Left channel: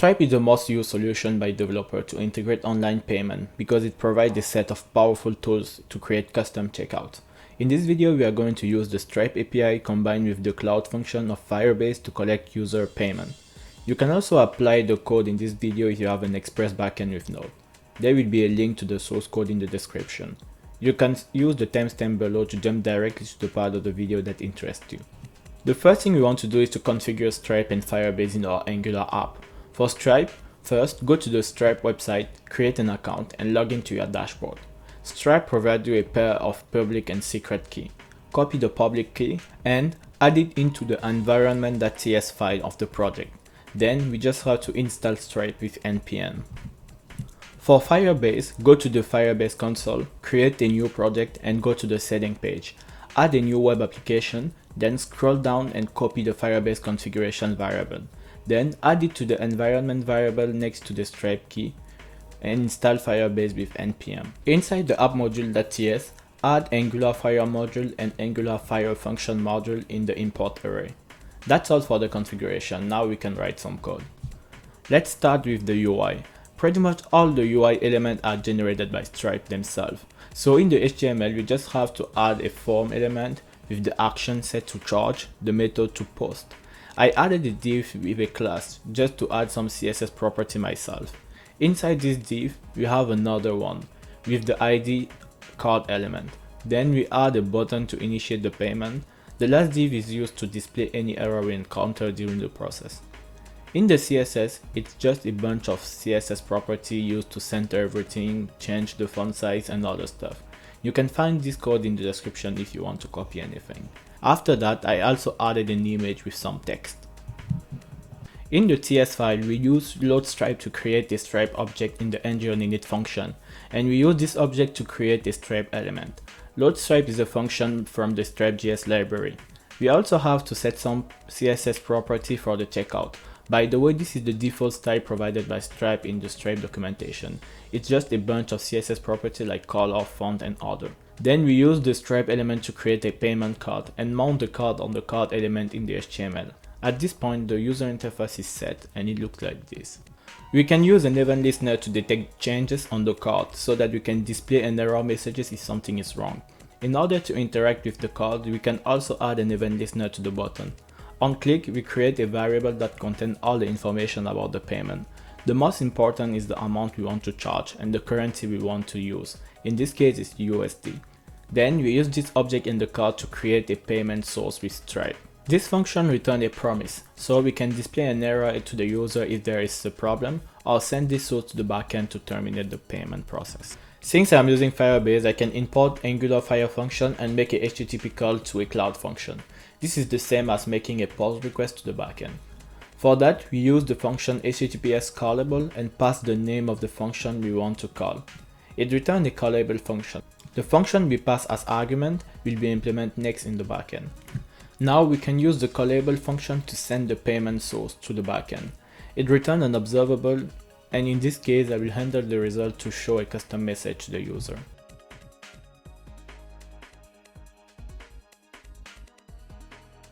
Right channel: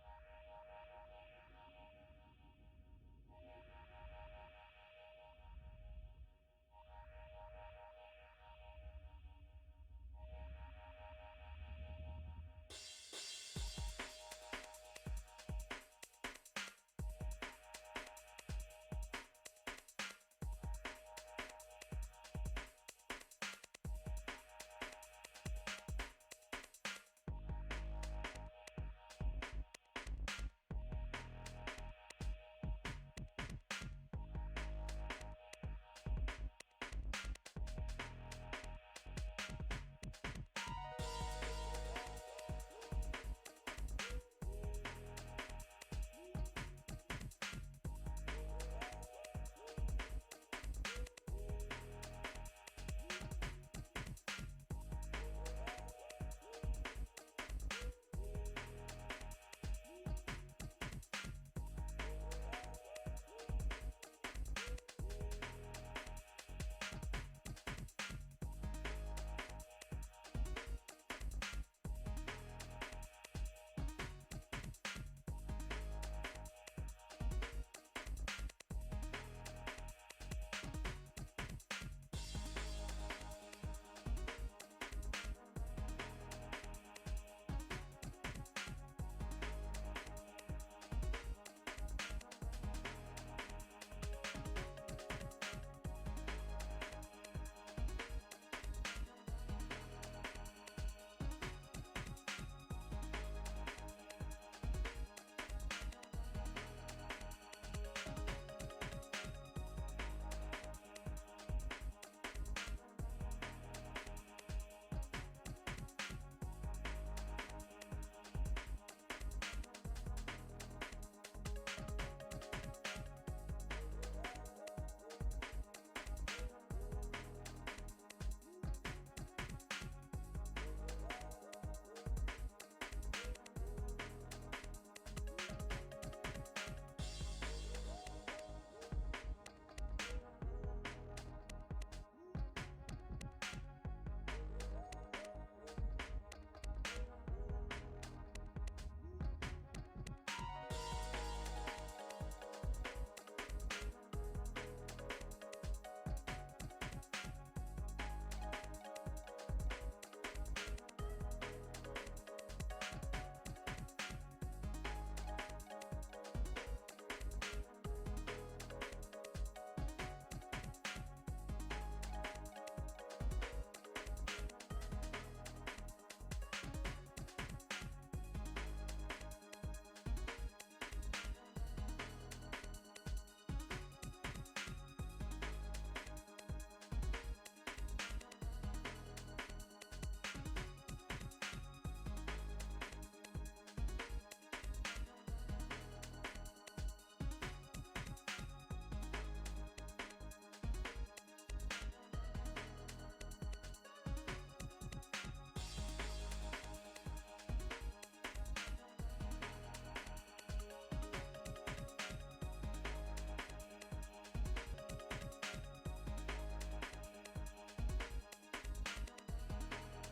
Stripe is the most used solution by developers to integrate online payment because it provides a set of powerful tools to create custom checkouts. In this video, we are going to use the Stripe API combined with the cloud function of Firebase to collect user payment. You can also apply the code in this video if you have an Express backend with Node. There will be a link to the source code in the description. You can use the timestamp below to jump directly to the part of the video that interests you. The first thing we want to do is to configure Stripe and Firebase in our Angular app. For Stripe, first go to the Stripe website, create an account, and log into your dashboard. Stripe provides you a pair of public and secret key. Copy the public key and add it into the environment.ts file of the project. Then we just have to install Stripe with npm. For Firebase, go to the Firebase console, create a new project and go to the setting page. Add a new web application, then scroll down and copy the Firebase configuration variable. Then add it to the environment variable next to the Stripe key and install Firebase with npm. Inside the app module.ts, add Angular Fire module and Angular Fire function module in the import array. That's all for the configuration. Now we can write some code. Let's start with the UI. Pretty much all the UI elements are generated by Stripe themselves. So in the HTML, we just have to add a form element with the action set to charge, the method to post. I added a div with a class just to add some CSS property myself. Inside this div, we have another one with the ID card element. Then we add a button to initiate the payment. The last div is used to display any error we encounter during the process. In the CSS, it's just a bunch of CSS property used to center everything, change the font size and other stuff. You can find this code in the description if you want to copy anything. After that, I also added an image with some text. In the TS file, we use load stripe to create a stripe object in the ngOnInit function, and we use this object to create a stripe element. Load stripe is a function from the Stripe.js library. We also have to set some CSS property for the checkout. By the way, this is the default style provided by Stripe in the Stripe documentation. It's just a bunch of CSS property like color, font and other. Then we use the Stripe element to create a payment card and mount the card on the card element in the HTML. At this point, the user interface is set and it looks like this. We can use an event listener to detect changes on the card so that we can display an error messages if something is wrong. In order to interact with the card, we can also add an event listener to the button. On click, we create a variable that contains all the information about the payment. The most important is the amount we want to charge and the currency we want to use. In this case, it's USD. Then we use this object in the card to create a payment source with Stripe. This function returns a promise, so we can display an error to the user if there is a problem, or send this source to the backend to terminate the payment process. Since I'm using Firebase, I can import Angular Fire function and make a HTTP call to a cloud function. This is the same as making a post request to the backend. For that, we use the function HTTPS Callable and pass the name of the function we want to call. It returns a callable function. The function we pass as argument will be implemented next in the backend. Now we can use the callable function to send the payment source to the backend. It returns an observable, and in this case I will handle the result to show a custom message to the user.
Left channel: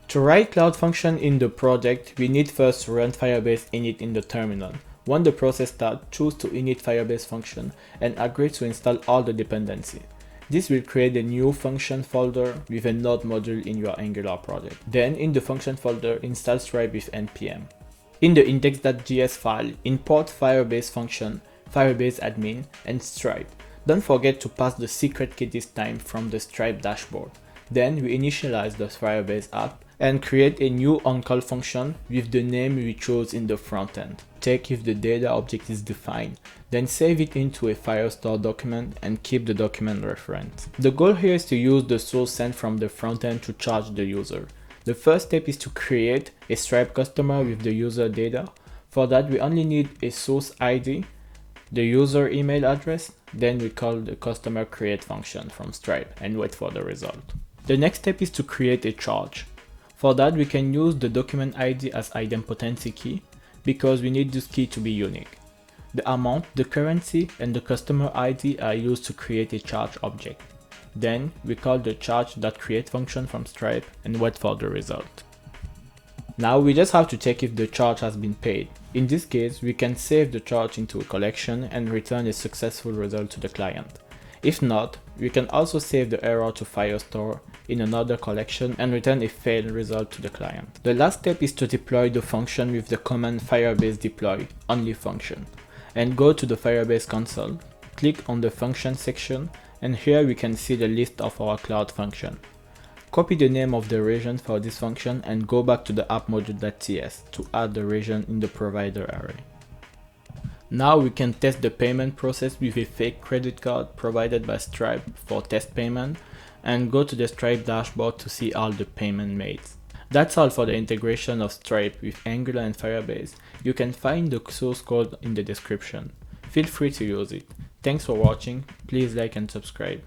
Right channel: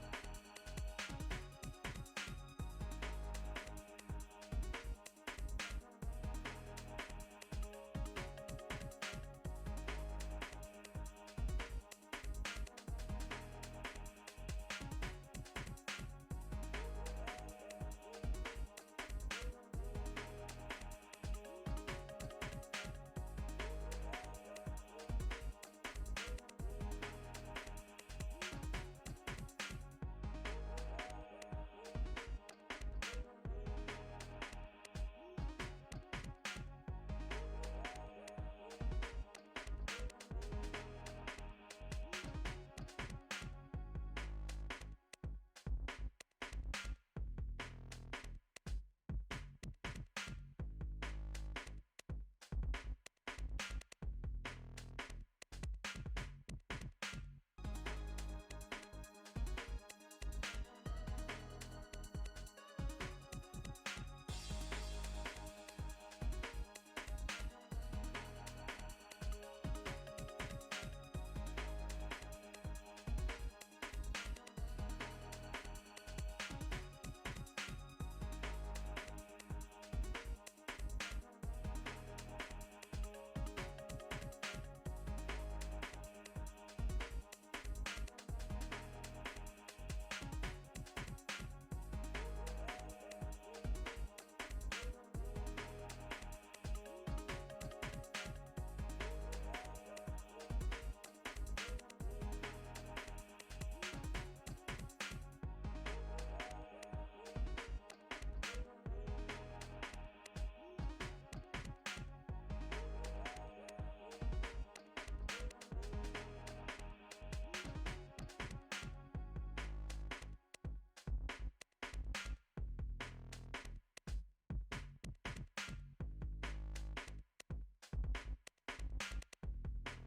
To write cloud function in the project, we need first to run Firebase init in the terminal. When the process starts, choose to init Firebase function and agree to install all the dependencies. This will create a new function folder with a node module in your Angular project. Then in the function folder, install Stripe with npm. In the index.js file, import Firebase function, Firebase admin and Stripe. Don't forget to pass the secret key this time from the Stripe dashboard. Then we initialize the Firebase app and create a new onCall function with the name we chose in the frontend. Check if the data object is defined, then save it into a Firestore document and keep the document reference. The goal here is to use the source sent from the frontend to charge the user. The first step is to create a Stripe customer with the user data. For that, we only need a source ID, the user email address, then we call the customer create function from Stripe and wait for the result. The next step is to create a charge. For that, we can use the document ID as idempotency key because we need this key to be unique. The amount, the currency, and the customer ID are used to create a charge object. Then we call the charge.create function from Stripe and wait for the result. Now we just have to check if the charge has been paid. In this case, we can save the charge into a collection and return a successful result to the client. If not, we can also save the error to Firestore in another collection and return a failed result to the client. The last step is to deploy the function with the command Firebase deploy only function, and go to the Firebase console, click on the function section, and here we can see the list of our cloud function. Copy the name of the region for this function and go back to the app-module.ts to add the region in the provider array. Now we can test the payment process with a fake credit card provided by Stripe for test payment, and go to the Stripe dashboard to see all the payment made. That's all for the integration of Stripe with Angular and Firebase. You can find the source code in the description. Feel free to use it. Thanks for watching, please like and subscribe.